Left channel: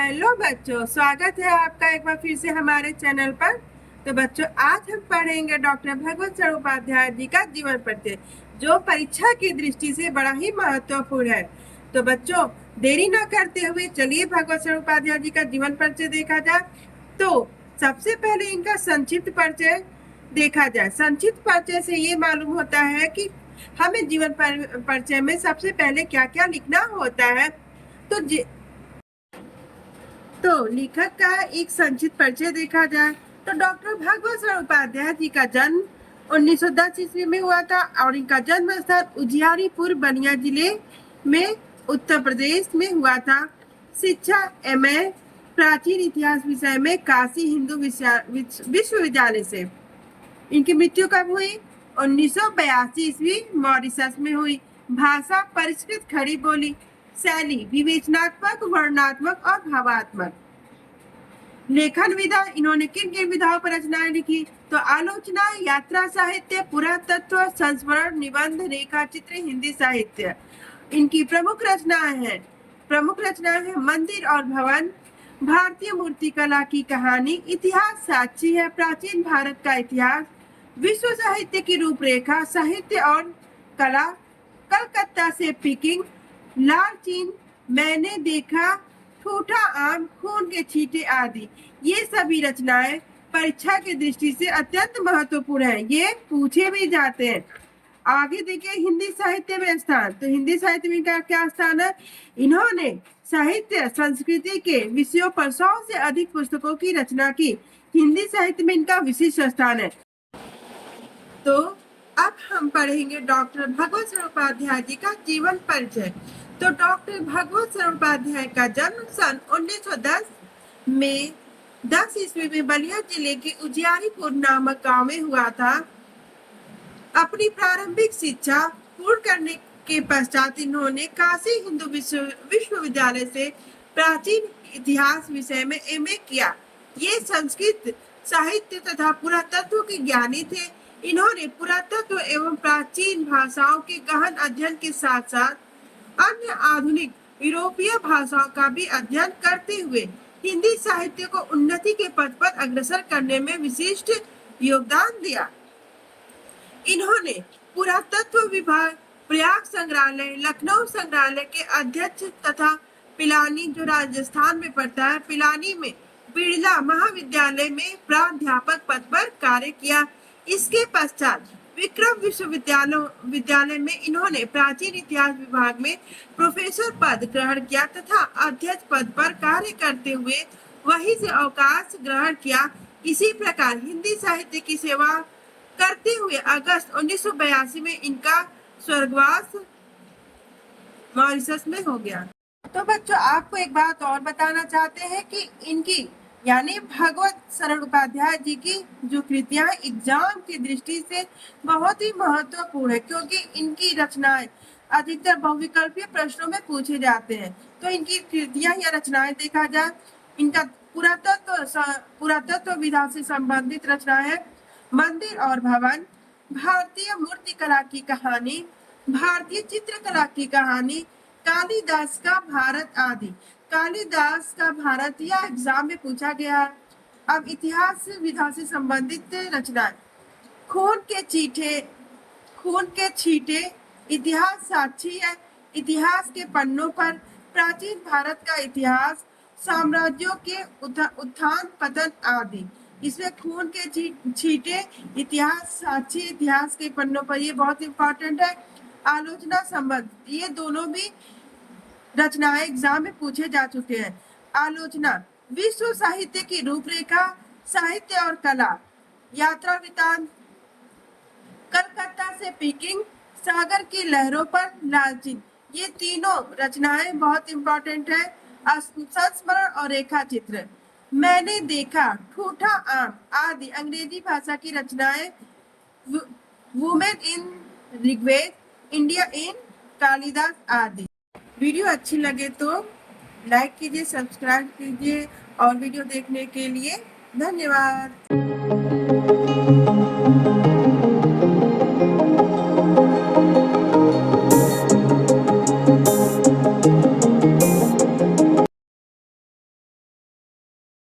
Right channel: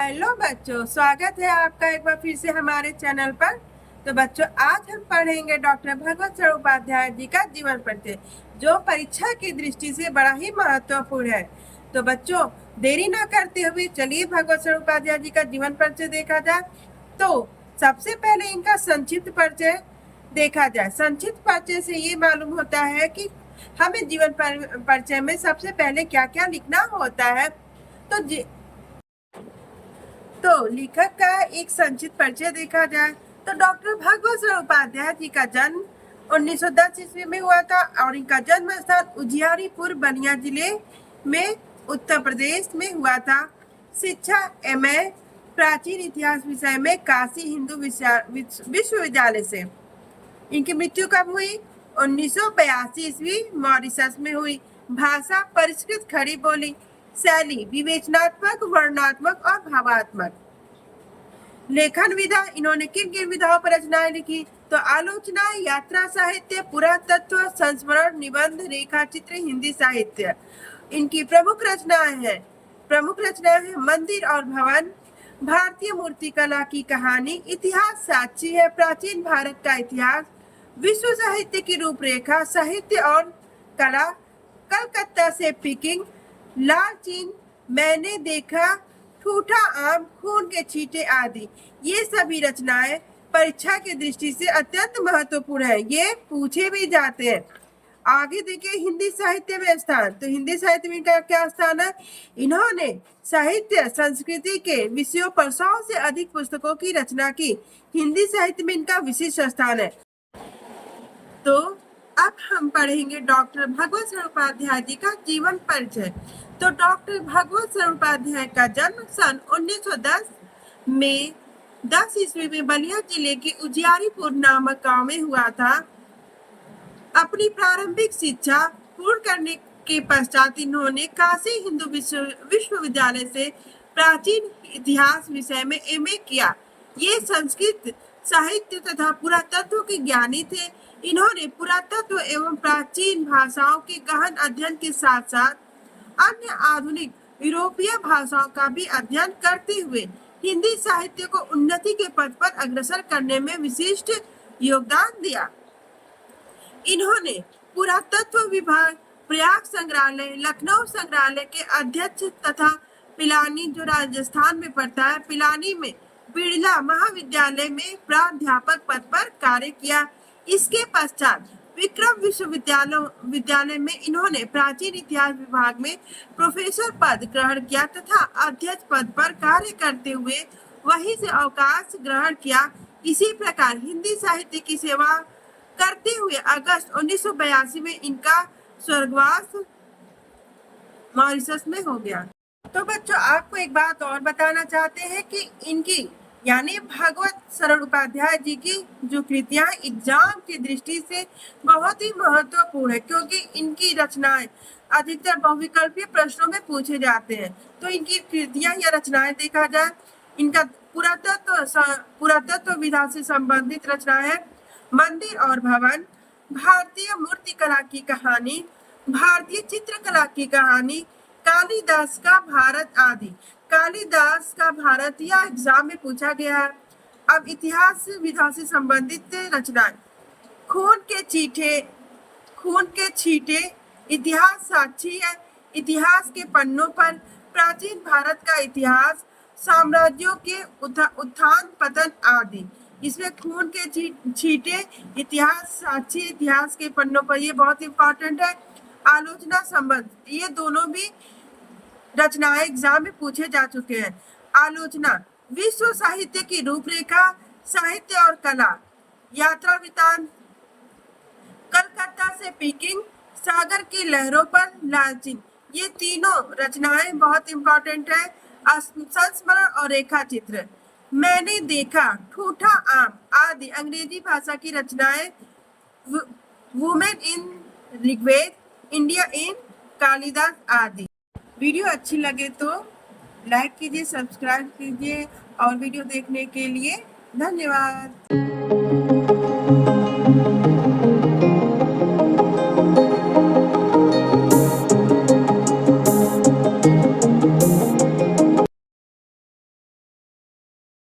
Hello बच्चों, स्वागत है आपका एक बार फिर से हमारे चैनल पर। तो बच्चों, आज हम पढ़ेंगे डॉक्टर भगवत सर उपाध्याय जी का जीवन परिचय, जो परीक्षा की दृष्टि से बड़ा ही महत्वपूर्ण है। तो बच्चों, देरी न करते हुए चलिए भगवत सर उपाध्याय जी का जीवन परिचय देखा जाए। तो सबसे पहले इनका संक्षिप्त परिचय देखा जाए। संक्षिप्त परिचय से ये मालूम होता है कि हमें जीवन परिचय में सबसे पहले क्या क्या लिखना होता है। तो लेखक का एक संक्षिप्त परिचय देखा जाए तो डॉक्टर भगवत सर उपाध्याय जी का जन्म 1910 ईस्वी में हुआ था और इनका जन्म स्थान उजियारपुर बलिया जिले में उत्तर प्रदेश में हुआ था। शिक्षा एमए प्राचीन इतिहास विषय में काशी हिंदू विश्वविद्यालय से। इनकी मृत्यु कब हुई? 1982 ईस्वी मॉरिशस में हुई। भाषा परिष्कृत खड़ी बोली। शैली विवेचनात्मक, वर्णनात्मक और भावात्मक। लेखन विधा, इन्होंने किन किन विधाओं पर रचनाएं लिखी? तो आलोचना, यात्रा साहित्य, पुरातत्व, संस्मरण, निबंध, रेखा चित्र, हिंदी साहित्य इनकी प्रमुख रचनाएं हैं। मंदिर और भवन, भारतीय मूर्तिकला की कहानी, इतिहास साक्षी है, प्राचीन भारत का इतिहास, विश्व साहित्य की रूपरेखा, साहित्य और कला, कलकत्ता से पिकिंग, लाल चीन, मैंने देखा, ठूठा आम, खून के छींटे आदि। ये सभी रचनाएं परीक्षा की दृष्टि से अत्यंत महत्वपूर्ण है। ये पूछे भी जाते हैं। आगे देखिए हिंदी साहित्य में स्थान। तो हिंदी साहित्य में क्या स्थान है? इन्होंने साहित्य संस्कृति के विषयों पर 100 से अधिक पुस्तकों की रचना की। हिंदी साहित्य में इनका विशिष्ट स्थान है। तो अब हम पढ़ेंगे डॉक्टर भगवत सर उपाध्याय जी का जीवन परिचय। तो डॉक्टर भगवत सर उपाध्याय का जन्म सन 1910 में 10 ईस्वी में बलिया जिले के उजियारपुर नामक गांव में हुआ था। अपनी प्रारंभिक शिक्षा पूर्ण करने के पश्चात इन्होंने काशी हिंदू विश्वविद्यालय से प्राचीन इतिहास विषय में एमए किया। ये संस्कृत साहित्य तथा पुरातत्व के ज्ञानी थे। इन्होंने पुरातत्व एवं प्राचीन भाषाओं के गहन अध्ययन के साथ साथ अन्य आधुनिक यूरोपीय भाषाओं का भी अध्ययन करते हुए हिंदी साहित्य को उन्नति के पथ पर अग्रसर करने में विशिष्ट योगदान दिया। इन्होंने पुरातत्व विभाग, प्रयाग संग्रहालय, लखनऊ संग्रहालय के अध्यक्ष तथा पिलानी, जो राजस्थान में पड़ता है, पिलानी में बिड़ला महाविद्यालय में प्राध्यापक पद पर कार्य किया। इसके पश्चात विक्रम विश्वविद्यालय में इन्होंने प्राचीन इतिहास विभाग में प्रोफेसर पद ग्रहण किया तथा अध्यक्ष पद पर कार्य करते हुए वहीं से अवकाश ग्रहण किया। इसी प्रकार हिंदी साहित्य की सेवा करते हुए अगस्त 1982 में इनका स्वर्गवास मॉरिशस में हो गया। तो बच्चों, आपको एक बात और बताना चाहते हैं कि इनकी यानी भगवत सर उपाध्याय जी की जो कृतियां एग्जाम की दृष्टि से बहुत ही महत्वपूर्ण है, क्योंकि इनकी रचनाएं अधिकतर बहुविकल्पीय प्रश्नों में पूछे जाते हैं। तो इनकी कृतियां या रचनाएं देखा जाए, इनका पुरातत्व विधा से संबंधित रचना है मंदिर और भवन, भारतीय मूर्तिकला की कहानी, भारतीय चित्रकला की कहानी, कालिदास का भारत आदि। कालिदास का भारत यह एग्जाम में पूछा गया है। अब इतिहास विधा से संबंधित रचना, खून के छींटे इतिहास साक्षी है, इतिहास के पन्नों पर प्राचीन भारत का इतिहास, साम्राज्यों के उत्थान पतन आदि। इसमें खून के छींटे इतिहास साक्षी, इतिहास के पन्नों पर, ये बहुत इंपॉर्टेंट है। आलोचना संबंध, ये दोनों भी रचनाएं एग्जाम में पूछे जा चुके हैं। आलोचना विश्व साहित्य की रूपरेखा, साहित्य और कला, यात्रा वृतांत, कलकत्ता से पिकिंग, सागर की लहरों पर लालचीन। ये तीनों रचनाएं बहुत इंपॉर्टेंट है। संस्मरण और रेखा चित्र, मैंने देखा, ठूठा आम आदि अंग्रेजी भाषा की रचनाएं, women in Rigveda, India in Kalidas आदि। वीडियो अच्छी लगे तो लाइक कीजिए, सब्सक्राइब कीजिए और वीडियो देखने के लिए धन्यवाद।